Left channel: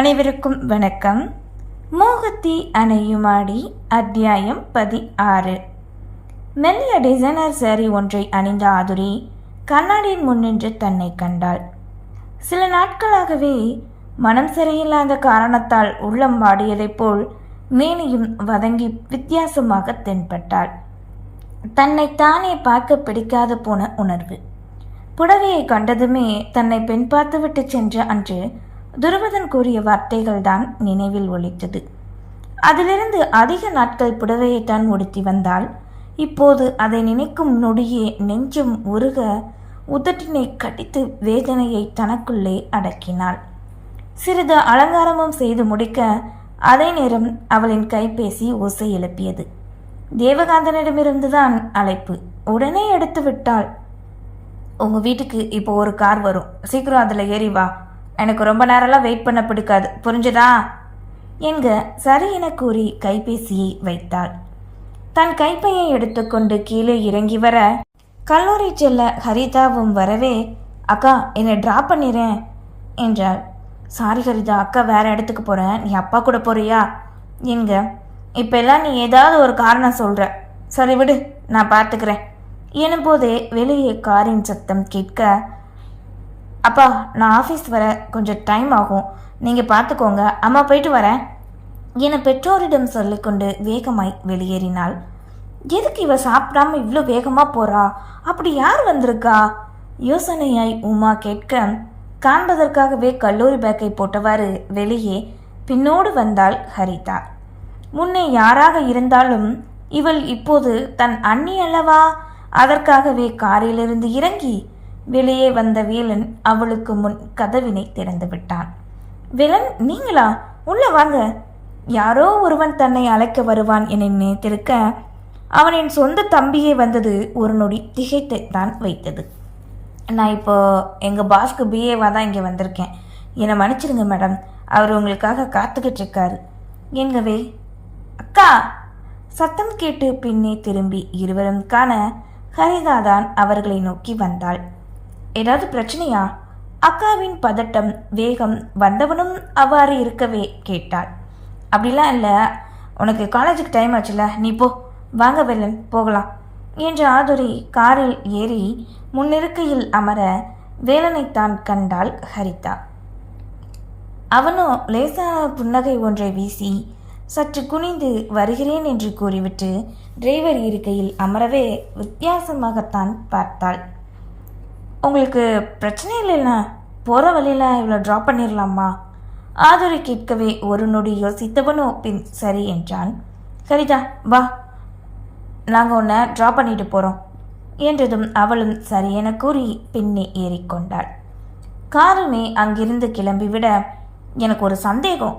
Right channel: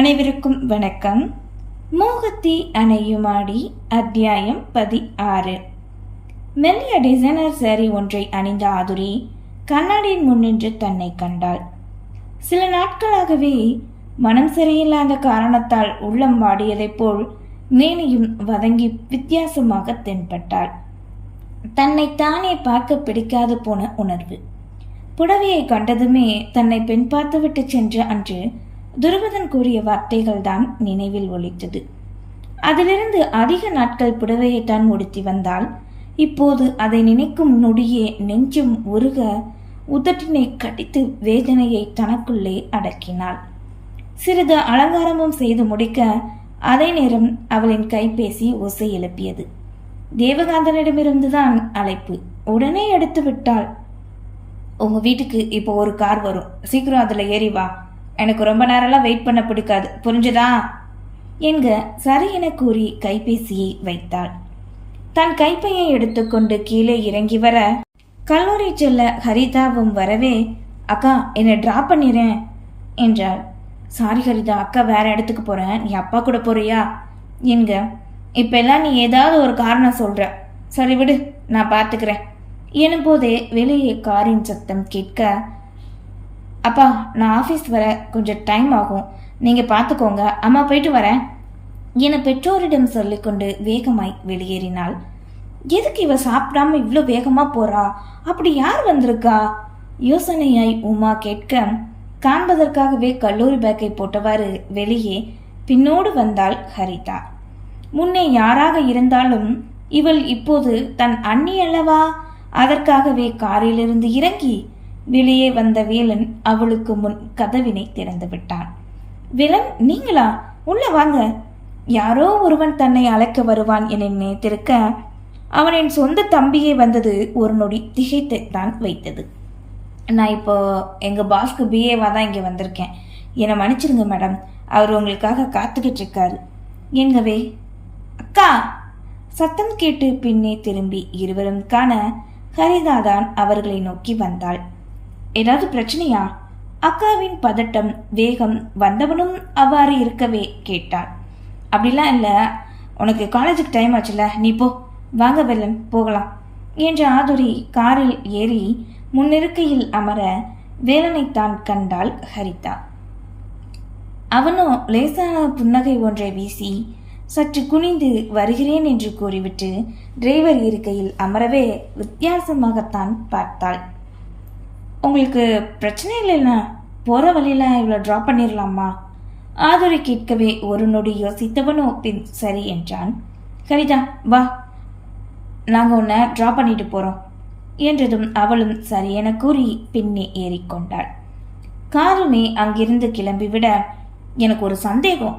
அனைவருக்கும் வணக்கம். மோகத்தி அணையுமாடி அத்தியாயம் பதி ஆறு மெல்லிய டிசைனர் சேரி ஒன்றை அணிந்த ஆதுரி கண்ணாடியின் முன்னின்று தன்னை கண்டாள். சில நாட்களாகவே மனம் சரியில்லாத காரணத்தால் உள்ளம் வாடியதைப் போல் மேனியும் வதங்கி வித்தியாசமாக தென்பட்டாள். தன்னை தானே பார்க்க பிடிக்காது போன உணர்வு. புடவையை கண்டதுமே தன்னை பெண் பார்த்துவிட்டு சென்ற அன்று துருவதன் கூறிய வார்த்தைகள் தான் நினைவில் ஒழித்தது அதிலிருந்து அதிக நாட்கள் புடவையை தான் உடுத்தி வந்தால் இப்போது அதை நினைக்கும் நொடியே நெஞ்சம் உருக உதட்டினை கடித்து வேதனையை தனக்குள்ளே அடக்கினாள். சிறிது அலங்காரமும் செய்து முடிக்க அதே நேரம் அவளின் கைபேசி ஓசை எழுப்பியது. தேவகாந்தனிடமிருந்துதான் அழைப்பு. உடனே எடுத்து விட்டாள் உங்க வீட்டுக்கு இப்போ ஒரு கார் வரும். சீக்கிரம் அதில் ஏறி வா. எனக்கு ரொம்ப நேரம்லாம் வெயிட் பண்ண பிடிக்காது. புரிஞ்சுதா? என்க சரி என கூறி கைபேசியை வைத்தாள். தன் கைப்பையை எடுத்துக்கொண்டு கீழே இறங்கி வர கல்லூரி செல்ல ஹரிதாவும் வரவே அக்கா என்னை ட்ராப் பண்ணிடுறேன் என்றாள். சாரி ஹரிதா அக்கா வேற இடத்துக்கு போறேன். நீ அப்பா கூட போறியா? என்க இப்பெல்லாம் நீ ஏதாவது ஒரு காரணம் சொல்ற. சரி விடு நான் பார்த்துக்கிறேன் எனும்போதே வெளியே காரின் சத்தம் கேட்க அப்பா நான் ஆஃபீஸ் வர கொஞ்சம் டைம் ஆகும். நீங்கள் பார்த்துக்கோங்க அம்மா போயிட்டு வரேன். என பெற்றோரிடம் சொல்லிக்கொண்டு வேகமாய் வெளியேறினாள். எதுக்கு இவ சாப்பிடாம இவ்வளோ வேகமாக போறா? அப்படி யார் வந்திருக்கா? யோசனையாய் உமா கேட்க காண்பதற்காகவே கல்லூரி பேக்கை போட்டவாறு வெளியே பின்னோடு வந்தாள் ஹரிதா. முன்னே யாராக இருந்தாலும் இவள் இப்போது தன் அண்ணி அல்லவா? அதற்காகவே காரிலிருந்து இறங்கி வெளியே வந்த வேலன் அவளுக்கு முன் கதவினை திறந்து விட்டான். வேலன் நீங்களா? உள்ள வாங்க. யாரோ ஒருவன் தன்னை அழைக்க வருவான் என நினைத்திருக்க அவனின் சொந்த தம்பியே வந்தது ஒரு நொடி திகைத்தை தான் வைத்தது. நான் இப்போ எங்கள் பாஸ்க்கு பிஏவாக தான் இங்கே வந்திருக்கேன். என்னை மன்னிச்சிடுங்க மேடம். அவர் உங்களுக்காக காத்துக்கிட்டு இருக்காரு. எங்கவே அக்கா! சத்தம் கேட்டு பின்னே திரும்பி இருவரும் காண ஹரிதா தான் அவர்களை நோக்கி வந்தாள். ஏதாவது பிரச்சனையா? அக்காவின் பதட்டம் வேகம் வந்தவனும் அவ்வாறு இருக்கவே கேட்டாள். அப்படிலாம் இல்லை. உனக்கு காலேஜுக்கு டைம் ஆச்சுல. நீ போ. வாங்க வெல்லன் போகலாம். என்று ஆதுரி காரில் ஏறி முன்னிருக்கையில் அமர வேலனை தான் கண்டாள் ஹரிதா. அவனோ லேசான புன்னகை ஒன்றை வீசி சற்று குனிந்து வருகிறேன் என்று கூறிவிட்டு டிரைவர் இருக்கையில் அமரவே வித்தியாசமாகத்தான் பார்த்தாள். உங்களுக்கு பிரச்சனை இல்லைண்ணா போகிற வழியில் இவ்வளோ ட்ராப் பண்ணிடலாமா ஆதுரை கேட்கவே ஒரு நொடி யோசித்தவனோ பின் சரி என்றான். சரிதா வா. நாங்கள் உன்னை ட்ராப் பண்ணிட்டு போகிறோம் என்றதும் அவளும் சரி என கூறி பின்னே ஏறிக்கொண்டாள் காருமே அங்கிருந்து கிளம்பிவிட எனக்கு ஒரு சந்தேகம்.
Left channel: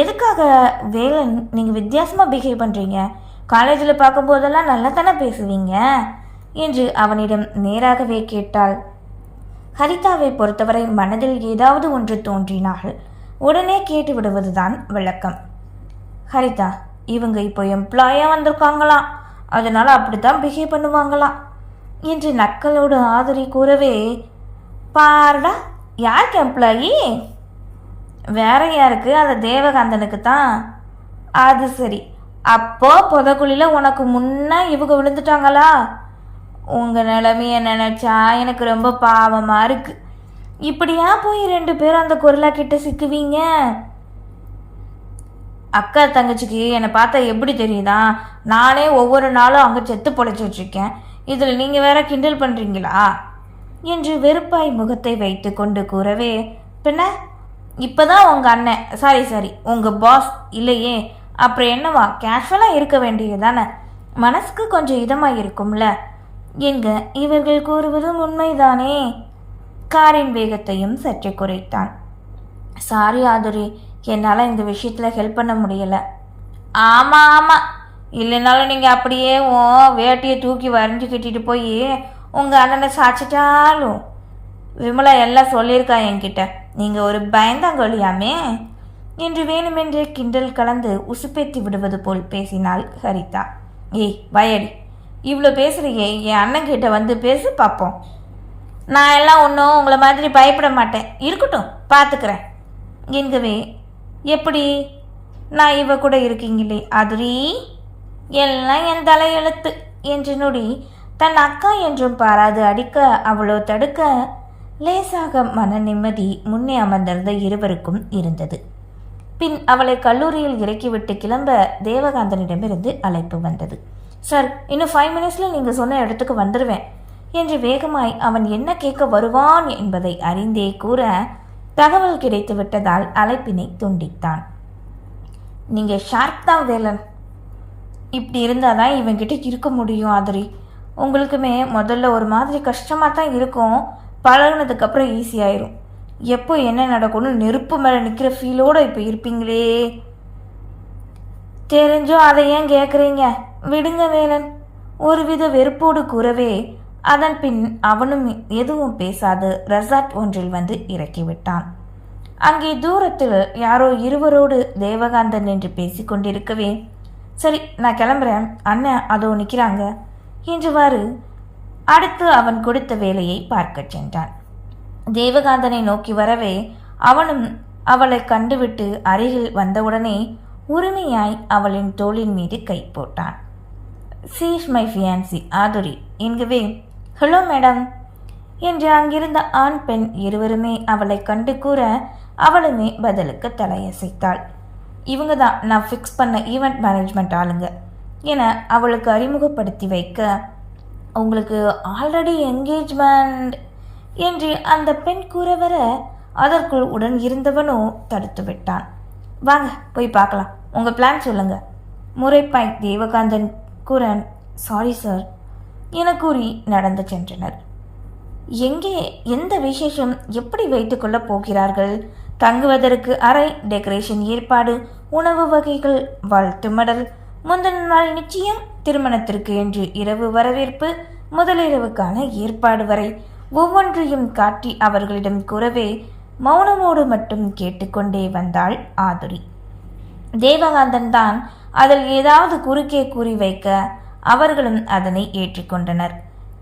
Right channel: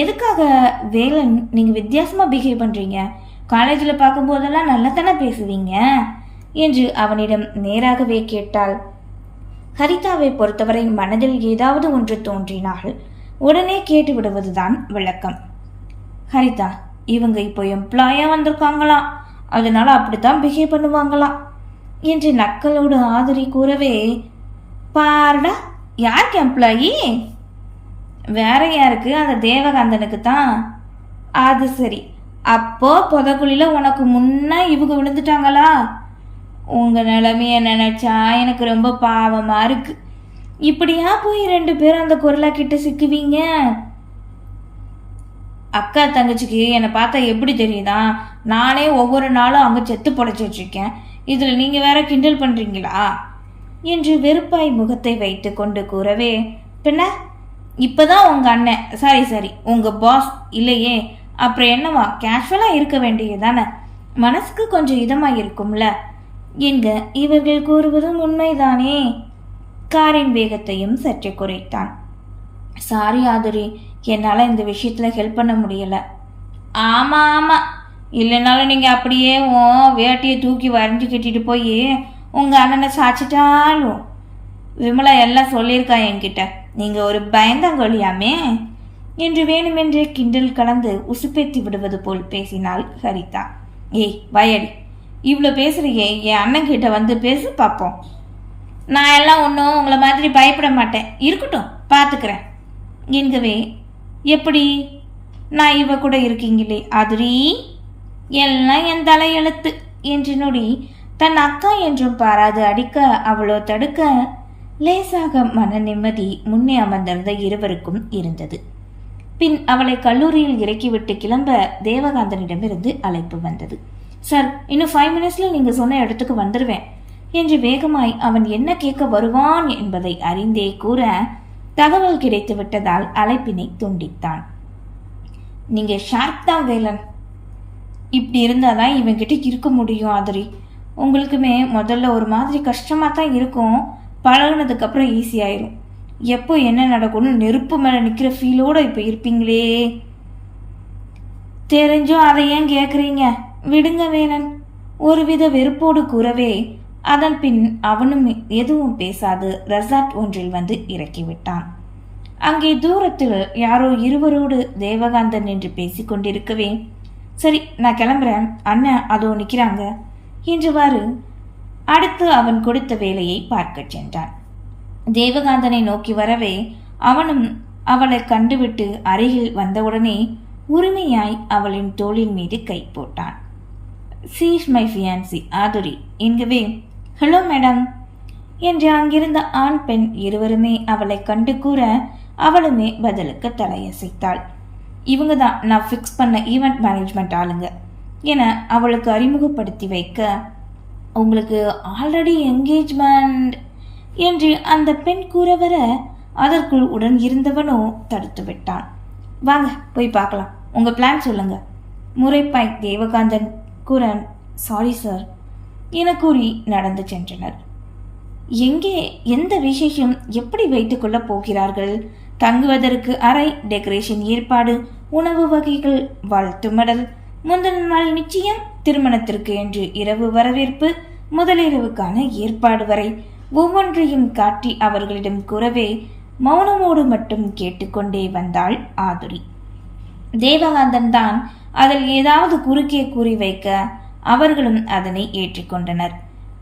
எதுக்காக வேலன் நீங்கள் வித்தியாசமாக பிஹேவ் பண்ணுறீங்க காலேஜில் பார்க்கும்போதெல்லாம் நல்லா தானே பேசுவீங்க? என்று அவனிடம் நேராகவே கேட்டாள். ஹரிதாவை பொறுத்தவரை மனதில் ஏதாவது ஒன்று தோன்றினால் உடனே கேட்டு விடுவதுதான் விளக்கம். ஹரிதா இவங்க இப்போ எம்ப்ளாயாக வந்திருக்காங்களாம் அதனால அப்படித்தான் பிஹேவ் பண்ணுவாங்களாம் என்று நக்களோடு ஆதரி கூறவே பாருடா யாருக்கு எம்ப்ளாயி வேற யாருக்கு? அந்த தேவகாந்தனுக்கு தான் அது சரி. அப்போ புதக்குழியில உனக்கு முன்னே இவங்க விழுந்துட்டாங்களா? உங்கள் நிலமைய நினச்சா எனக்கு ரொம்ப பாவமாக இருக்கு. இப்படியா போய் ரெண்டு பேரும் அந்த குரலா கிட்ட சிக்குவீங்க? அக்கா தங்கச்சிக்கு என்னை பார்த்தா எப்படி தெரியுதா? நானே ஒவ்வொரு நாளும் அங்கே செத்து பொழைச்சிட்டு இருக்கேன் இதில் நீங்கள் வேற கிண்டல் பண்ணுறீங்களா என்று வெறுப்பாய் முகத்தை வைத்து கொண்டு கூறவே பின்ன இப்போதான் உங்கள் அண்ணன் சாரி சாரி உங்கள் பாஸ் இல்லையே. அப்புறம் என்னவா கேஷுவலாக இருக்க வேண்டியதானே மனசுக்கு கொஞ்சம் இதமாக இருக்கும்ல என்க இவர்கள் கூறுவதும் உண்மைதானே? காரின் வேகத்தையும் சற்றே குறைத்தான். சாரி ஆதுரி. என்னால் இந்த விஷயத்தில் ஹெல்ப் பண்ண முடியல. ஆமாம் ஆமாம் இல்லைனாலும் நீங்கள் அப்படியே ஓ வேட்டியை தூக்கி வரைஞ்சி கட்டிட்டு போய் உங்கள் அண்ணனை சாச்சிட்டாலும். விமலா எல்லாம் சொல்லியிருக்கா என்கிட்ட. நீங்கள் ஒரு பயந்தாங்கொழியாமே என்று வேணுமென்றே கிண்டல் கலந்து உசுப்பேத்தி விடுவது போல் பேசினாள் ஹரிதா. ஏய் வயடி இவ்வளோ பேசுறியே என் அண்ணன் கிட்ட வந்து பேசி பார்ப்போம் நான் எல்லாம் ஒன்றும் உங்களை மாதிரி பயப்பட மாட்டேன். இருக்கட்டும் பார்த்துக்கிறேன் என்கவே எப்படி? நான் இவ கூட இருக்கீங்களே அதுரி எல்லாம் என் தலையெழுத்து என்று நொடி தன் அக்கா என்றும் பாராது அடிக்க அவளோ தடுக்க லேசாக மன நிம்மதி முன்னே அமர்ந்திருந்த இருவருக்கும் இருந்தது. பின் அவளை கல்லூரியில் இறக்கிவிட்டு கிளம்ப தேவகாந்தனிடமிருந்து அழைப்பு வந்தது. சார் இன்னும் ஃபைவ் மினிட்ஸில் நீங்கள் சொன்ன இடத்துக்கு வந்துடுவேன் என்று வேகமாய் அவன் என்ன கேட்க வருவான் என்பதை அறிந்தே கூற தகவல் கிடைத்து விட்டதால் அழைப்பினை துண்டித்தான். நீங்கள் ஷார்ப் தான் வேலன். இப்படி இருந்தால் தான் இவங்கிட்ட இருக்க முடியும் ஆதிரி. உங்களுக்குமே முதல்ல ஒரு மாதிரி கஷ்டமாக தான் இருக்கும். பழகுனதுக்கப்புறம் ஈஸியாயிரும் எப்போ என்ன நடக்கும்னு நெருப்பு மேலே நிற்கிற ஃபீலோடு இப்போ இருப்பீங்களே? தெரிஞ்சும் அதை ஏன் கேட்குறீங்க விடுங்க வேலன். ஒருவித வெறுப்போடு கூறவே அதன் பின் அவனும் எதுவும் பேசாது ரெசார்ட் ஒன்றில் வந்து இறக்கிவிட்டான். அங்கே தூரத்தில் யாரோ இருவரோடு தேவகாந்தன் என்று பேசிக் கொண்டிருக்கவே சரி நான் கிளம்புறேன். அண்ணன் அதோ நிற்கிறாங்க என்றுவாறு அடுத்து அவன் கொடுத்த வேலையை பார்க்கச் சென்றான். தேவகாந்தனை நோக்கி வரவே அவனும் அவளை கண்டுவிட்டு அருகில் வந்தவுடனே உரிமையாய் அவளின் தோளின் மீது கை போட்டான். சீஷ் மை ஃபியான்சி ஆதுரி என்கவே ஹலோ மேடம். என்று அங்கிருந்த ஆண் பெண் இருவருமே அவளை கண்டு கூற அவளுமே பதிலுக்கு தலையசைத்தாள். இவங்க தான் நான் ஃபிக்ஸ் பண்ண ஈவெண்ட் மேனேஜ்மெண்ட் ஆளுங்க என அவளுக்கு அறிமுகப்படுத்தி வைக்க உங்களுக்கு ஆல்ரெடி என்கேஜ்மெண்ட் என்று அந்த பெண் கூற வர அதற்குள் உடன் இருந்தவனோ தடுத்து விட்டான். வாங்க போய் பார்க்கலாம். உங்கள் பிளான் சொல்லுங்க. முறைப்பாய் தேவகாந்தன் குரன் சாரி சார் என கூறி நடந்து சென்றனர். எங்கே எந்த விசேஷம் எப்படி வைத்துக்கொள்ளப் போகிறார்கள்? தங்குவதற்கு அறை டெக்கரேஷன் ஏற்பாடு உணவு வகைகள் வாழ்த்து மடல் முந்தின நாள் நிச்சயம் திருமணத்திற்கு என்று இரவு வரவேற்பு முதலிரவுக்கான ஏற்பாடு வரை ஒவ்வொன்றையும் காட்டி அவர்களிடம் கூறவே மௌனமோடு மட்டும் கேட்டுக்கொண்டே வந்தாள் ஆதுரி. தேவகாந்தன் தான் அதில் ஏதாவது குறுக்கே கூறி வைக்க அவர்களும் அதனை ஏற்றிக்கொண்டனர்.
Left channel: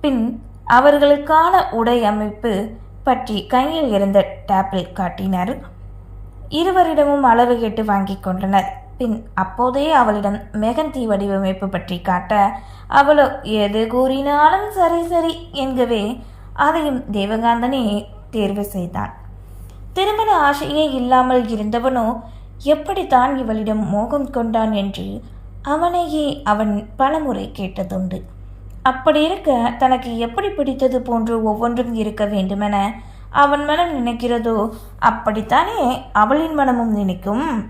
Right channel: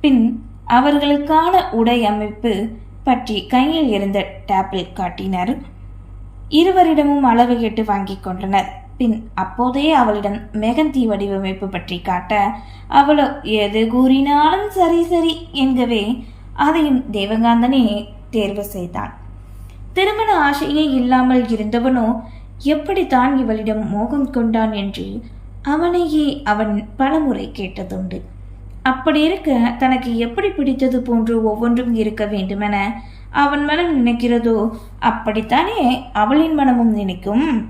பின் அவர்களுக்கான உடை அமைப்பு பற்றி கையில் இருந்த டேப்பில் காட்டினர். இருவரிடமும் அளவு கேட்டு வாங்கிக் கொண்டனர். பின் அப்போதே அவளிடம் மெகந்தி வடிவமைப்பு பற்றி காட்ட அவளோ எது கூறினாலும் சரி சரி என்கவே அதையும் தேவகாந்தனே தேர்வு செய்தான். திருமண ஆசையே இல்லாமல் இருந்தவனோ எப்படித்தான் இவளிடம் மோகம் கொண்டான் என்று அவனையே அவன் பலமுறை கேட்டதுண்டு. அப்படி இருக்க தனக்கு எப்படி பிடித்தது போன்று ஒவ்வொன்றும் இருக்க வேண்டுமென அவன் மனம் நினைக்கிறதோ அப்படித்தானே அவளின் மனமும் நினைக்கும்.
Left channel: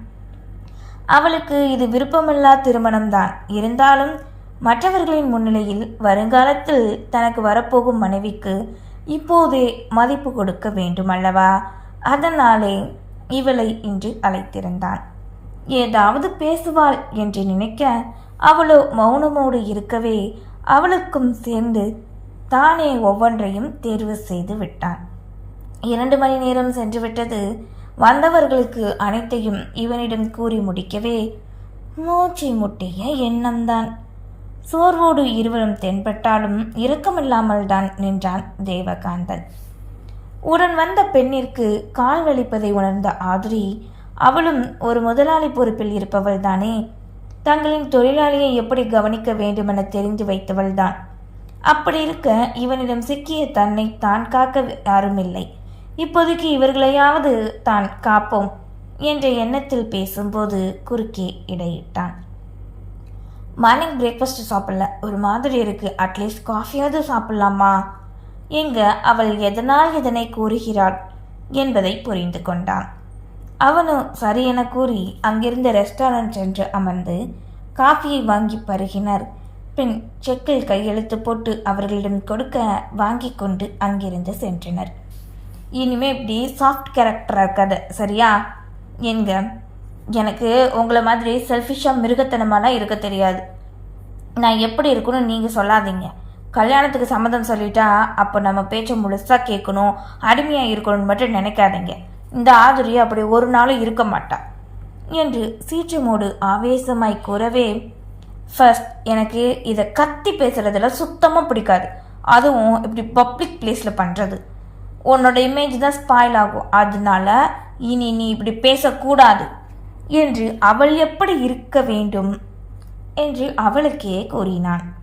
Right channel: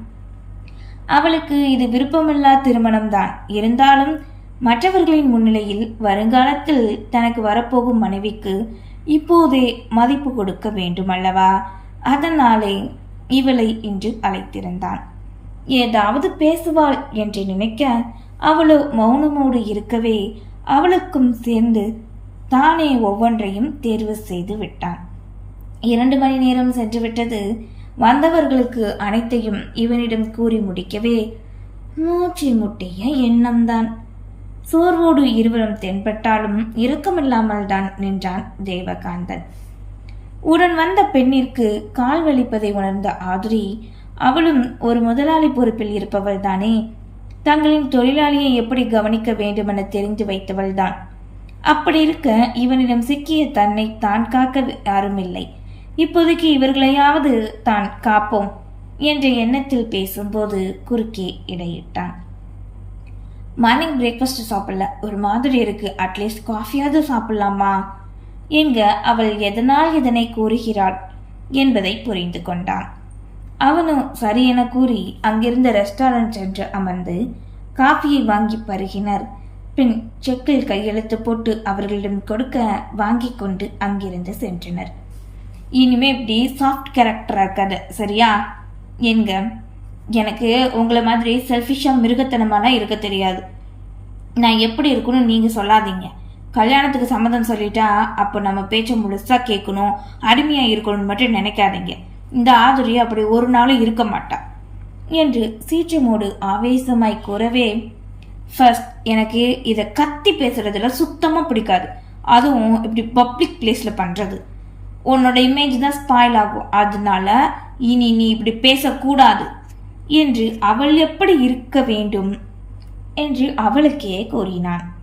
அவளுக்கு இது விருப்பமில்லா திருமணம்தான். இருந்தாலும் மற்றவர்களின் முன்னிலையில் வருங்காலத்தில் தனக்கு வரப்போகும் மனைவிக்கு இப்போதே மதிப்பு கொடுக்க வேண்டுமல்லவா? அதனாலே இவளை இன்று அழைத்திருந்தான். ஏதாவது பேசுவாள் என்று நினைக்க அவளோ மௌனமோடு இருக்கவே அவளுக்கும் சேர்ந்து தானே ஒவ்வொன்றையும் தேர்வு செய்து விட்டான். இரண்டு மணி நேரம் சென்றுவிட்டது. வந்தவர்களுக்கு அனைத்தையும் இவனிடம் கூறி முடிக்கவே மூச்சு முட்டிய எண்ணம்தான். சோர்வோடு இருவரும் தென்பட்டாலும் இரக்கமில்லாமல் தான் நின்றான் தேவகாந்தன். உடன் வந்த பெண்ணிற்கு கால் வலிப்பதை உணர்ந்த ஆதுரி அவளும் ஒரு முதலாளி பொறுப்பில் இருப்பவள் தானே தங்களின் தொழிலாளியை எப்படி கவனிக்க வேண்டுமென தெரிந்து வைத்தவள் தான் அப்படி இருக்க இவனிடம் சிக்கிய தன்னை தான் காக்க யாரும் இல்லை இப்போதைக்கு இவர்களையாவது தான் காப்போம் என்ற எண்ணத்தில் பேசும்போது குறுக்கே இடையிட்டான். மார்னிங் பிரேக்ஃபாஸ்ட் சாப்பிடல. ஒரு மாதிரி இருக்கு. அட்லீஸ்ட் காஃபியாவது சாப்பிடலாமா? எங்க அவள் எதனால் இதனை கூறுகிறாள் என்பதை புரிந்து கொண்டான். அவனும் சரி என கூறி அங்கிருந்த ரெஸ்டாரண்ட் சென்று அமர்ந்து காஃபியை வாங்கி பருகினர். பின் செக்கில் கையெழுத்து போட்டு அவர்களிடம் கொடுக்க வாங்கி கொண்டு அங்கிருந்து சென்றனர். இனிமே இப்படி சாஃப்ட் கேரக்டராக இருக்காது சரியா? என்க எனக்கு உங்களை மாதிரி செல்ஃபிஷாக மிருகத்தனமாலாம் இருக்க தெரியாது. நான் எப்படி இருக்குன்னு நீங்கள் சொல்லாதீங்க. கல்யாணத்துக்கு சம்மதம் சொல்லிட்டா அப்போ நம்ம பேச்சை முழுசாக கேட்கணும் அடிமையாக இருக்கணும்னு மட்டும் நினைக்காதீங்க. இந்த ஆதுரி அப்படி ஒரு நாளும் இருக்க மாட்டா. என்று சீற்றமோடு ஆவேசமாய் கூறவே ஃபர்ஸ்ட் எனக்கு இதை கத்தி பேசுறதுல சுத்தமாக பிடிக்காது. அதுவும் இப்படி பப்ளிக் பிளேஸில் பண்ணுறது உன்னோட இமேஜ் தான் ஸ்பாயில் ஆகும். அதனால இனி நீ இப்படி பேசக்கூடாது. என்று அவள் எப்படி இருக்க வேண்டும்? என்று அவளுக்கே கூறினான்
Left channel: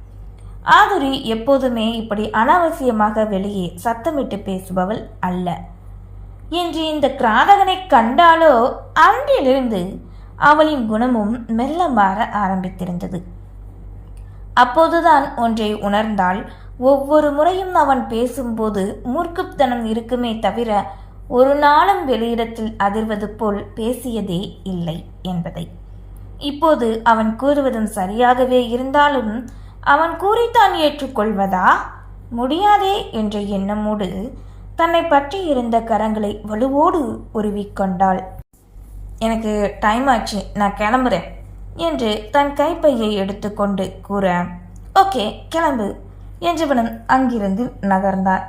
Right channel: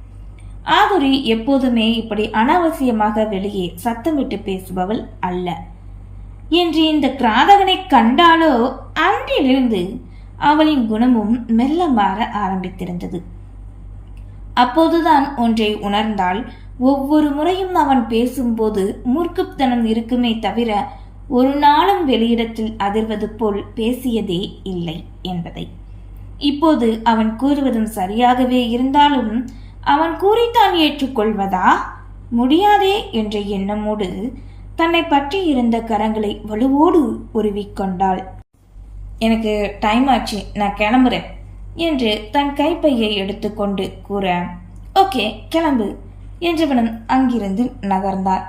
ஆதுரி எப்போதுமே இப்படி அனாவசியமாக வெளியே சத்தமிட்டு பேசுபவள் அல்ல. என்று இந்த கிராதகனை கண்டாலோ அன்றிலிருந்து அவளின் குணமும் மெல்ல மாற ஆரம்பித்திருந்தது. அப்போதுதான் ஒன்றை உணர்ந்தால் ஒவ்வொரு முறையும் அவன் பேசும்போது மூர்க்குத்தனம் இருக்குமே தவிர ஒரு நாளும் வெளியிடத்தில் அதிர்வது போல் பேசியதே இல்லை என்பதை. இப்போது அவன் கூறுவதும் சரியாகவே இருந்தாலும் அவன் கூறித்தான் ஏற்றுக்கொள்வதா? முடியாதே என்ற எண்ணமோடு தன்னை பற்றி இருந்த கரங்களை வலுவோடு உருவிக்கொண்டாள். எனக்கு டைம் ஆச்சு நான் கிளம்புறேன் என்று தன் கைப்பையை எடுத்துக்கொண்டு கூற ஓகே கிளம்பு என்றவனும் அங்கிருந்து நகர்ந்தான்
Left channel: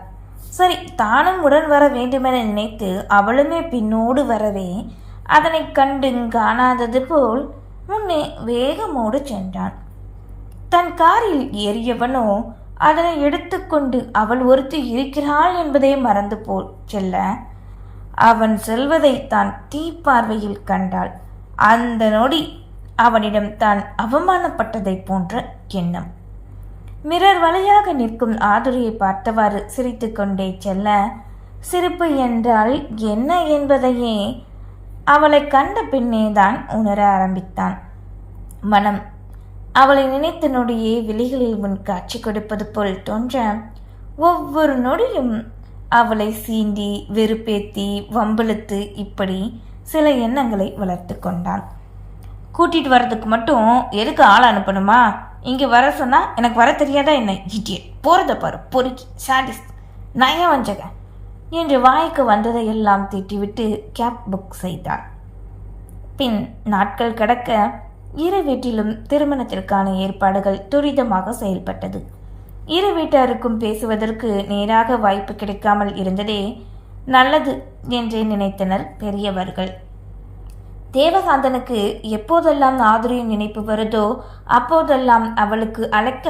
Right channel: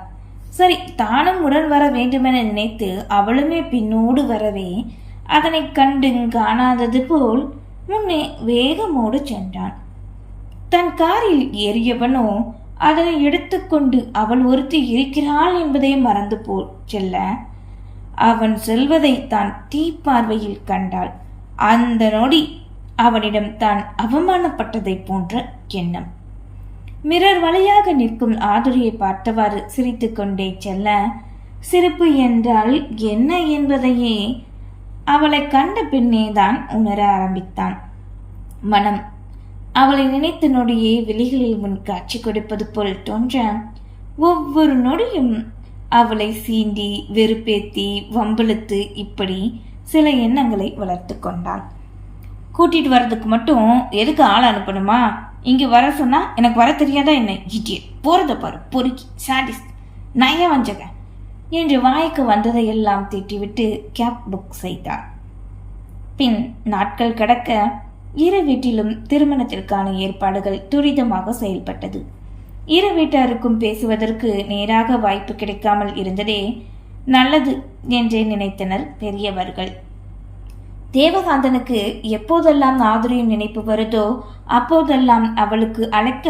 சரி தானும் உடன் வர வேண்டுமென நினைத்து அவளுமே பின்னோடு வரவே அதனை கண்டு காணாதது போல் முன்னே வேகமோடு சென்றான். தன் காரில் ஏறியவனோ அதனை எடுத்துக்கொண்டு அவள் ஒருத்தி இருக்கிறாள் என்பதை மறந்து போல் செல்ல. அவன் செல்வதை தான் தீப்பார்வையில் கண்டாள். அந்த நொடி அவனிடம் தான் அவமானப்பட்டதைப் போன்ற எண்ணம். மிரர் வழியாக நிற்கும் ஆதுரியை பார்த்தவாறு சிரித்துக்கொண்டே செல்ல சிரிப்பு என்றால் என்ன என்பதையே? அவளை கண்ட பின்னே தான் உணர ஆரம்பித்தான். மனம் அவளை நினைத்த நொடியே விழிகளில் உன் காட்சி கொடுப்பது போல் தோன்ற ஒவ்வொரு நொடியும் அவளை சீண்டி வெறுப்பேத்தி வம்பளுத்து இப்படி சில எண்ணங்களை வளர்த்து கொண்டான் கூட்டிட்டு வர்றதுக்கு மட்டும் எதுக்கு ஆள் அனுப்பணுமா? இங்க வர சொன்னா எனக்கு வர தெரியாதா என்ன? இடியட் போறத பாரு. பொறுக்கி. சாடிஸ் நய வஞ்சக என்று வாய்க்கு வந்ததை எல்லாம் திட்டிவிட்டு கேப் புக் செய்தான் பின் நாட்கள் கடக்க இரு வீட்டிலும் திருமணத்திற்கான ஏற்பாடுகள் துரிதமாக செயல்பட்டது. இரு வீட்டாருக்கும் பேசுவதற்கு நேராக வாய்ப்பு கிடைக்காமல் இருந்ததே நல்லது என்றே நினைத்தனர் பெரியவர்கள். தேவகாந்தனுக்கு எப்போதெல்லாம் ஆதுரியின் நினைப்பு வருதோ அப்போதெல்லாம் அவளுக்கு அழைக்க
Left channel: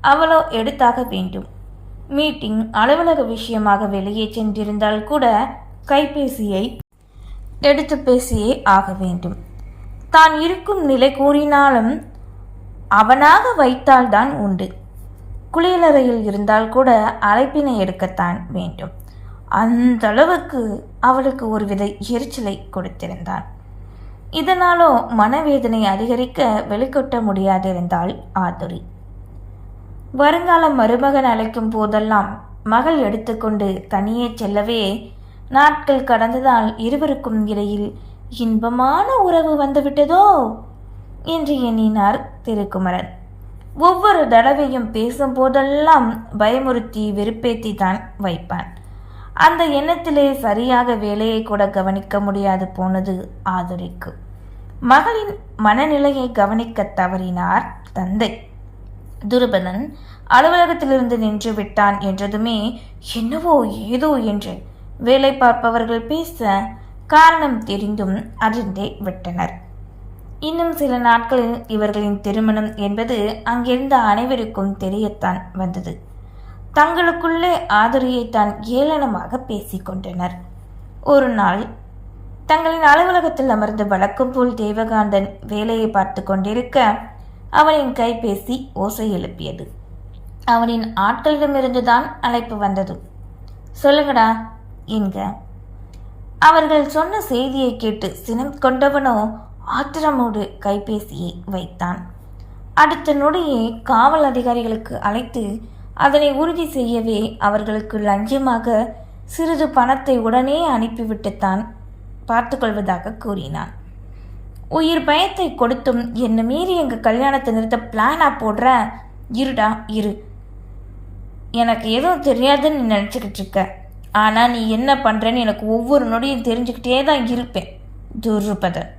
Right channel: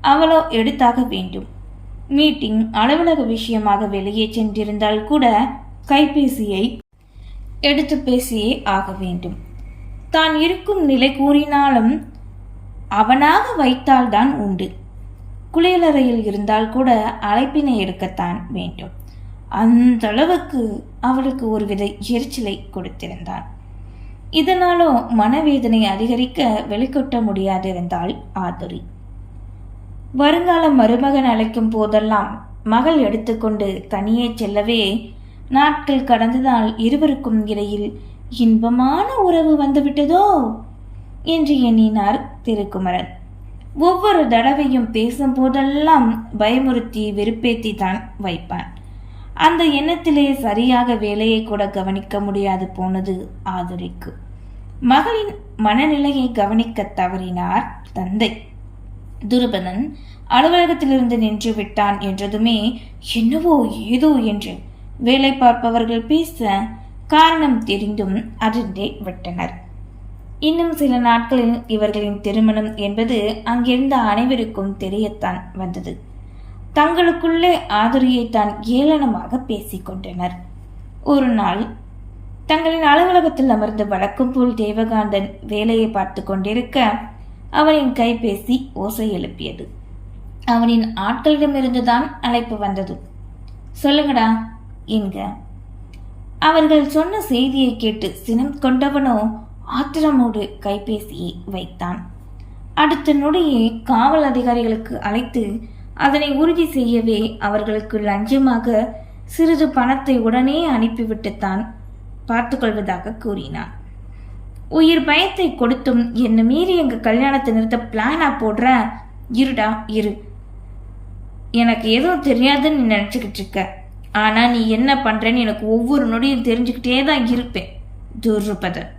அவளோ எடுத்தாக வேண்டும். மீட்டிங் அலுவலக விஷயமாக வெளியே சென்றிருந்தால் கூட கைபேசியை எடுத்து பேசியே ஆக வேண்டும். தான் இருக்கும் நிலை கூறினாலும் அவனாக வைத்தால்தான் உண்டு. குளியலறையில் இருந்தால் கூட அழைப்பினை எடுக்கத்தான் வேண்டும். அந்த அளவுக்கு அவளுக்கு ஒருவித எரிச்சலை கொடுத்திருந்தான் இதனாலோ மனவேதனை அதிகரிக்க வெளிக்கொட்ட முடியாதிருந்தாள் ஆதுரி. வருங்கால மருமகன் அழைக்கும் போதெல்லாம் மகள் எடுத்துக்கொண்டு தனியே செல்லவே நாட்கள் கடந்ததால் இருவருக்கும் இடையில் இன்பமான உறவு வந்துவிட்டதோ? என்று எண்ணினார் திருக்குமரன். ஒவ்வொரு தடவையும் பேசும் போதெல்லாம் பயமுறுத்தி வெறுப்பேத்தி தான் வைப்பான். அந்த எண்ணத்திலே சரியாக வேலையை கூட கவனிக்க முடியாது போனது ஆதுரைக்கு. மகளின் மனநிலையை கவனிக்க தவறினார் தந்தை. துருபதன் அலுவலகத்திலிருந்து நின்று விட்டான் என்றதுமே என்னவோ ஏதோ என்று வேலை பார்ப்பவர்கள் பேச காரணம் தெரிந்தும் அதிர்ந்தே விட்டனர். இன்னும் சில நாட்களில் இவர்களின் திருமணம் என்பது அங்கிருந்த அனைவருக்கும் தெரியத்தான் வந்தது. தங்களுக்குள்ளே ஆதரியை தான் ஏளனமாக பேசிக்கொண்டனர் ஒரு நாள் தங்களின் அலுவலகத்தில் அமர்ந்து வழக்கம் போல் தேவகாந்தன் வேலையை பார்த்து கொண்டிருக்க அவனின் கைபேசி ஓசை எழுப்பியது. அவனின் ஆட்களிடமிருந்துதான் அழைப்பு வந்தது. சொல்லுங்கடா என்க. அவர்கள் சொன்ன செய்தியை கேட்டு சினம் கொண்டவனோ ஆத்திரமோடு கைபேசியை வைத்தான். அடுத்த நொடியே காவல் அதிகாரிகளுக்கு அழைத்து அதனை உறுதி செய்யவே அவர்களுக்கு லஞ்சமாக சிறிது பணத்தை உடனே அனுப்பிவிட்டுத்தான் பார்த்துக்கொள்வதாக கூறினான். உயிர் பயத்தை கொடுத்தும் என்னை மீறி எங்கள் கல்யாணத்தை நிறுத்த பிளானா போடுற? இருடா இரு. எனக்கு எதுவும் தெரியாதுன்னு நினச்சிக்கிட்டு இருக்க. ஆனால் நீ என்ன பண்ணுறேன்னு எனக்கு ஒவ்வொரு நொடியும் தெரிஞ்சுக்கிட்டே தான் இருப்பேன் துருபதன்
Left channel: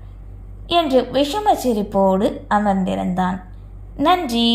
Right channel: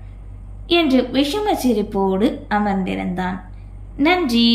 என்று விஷம சிரிப்போடு அமர்ந்திருந்தான். நன்றி.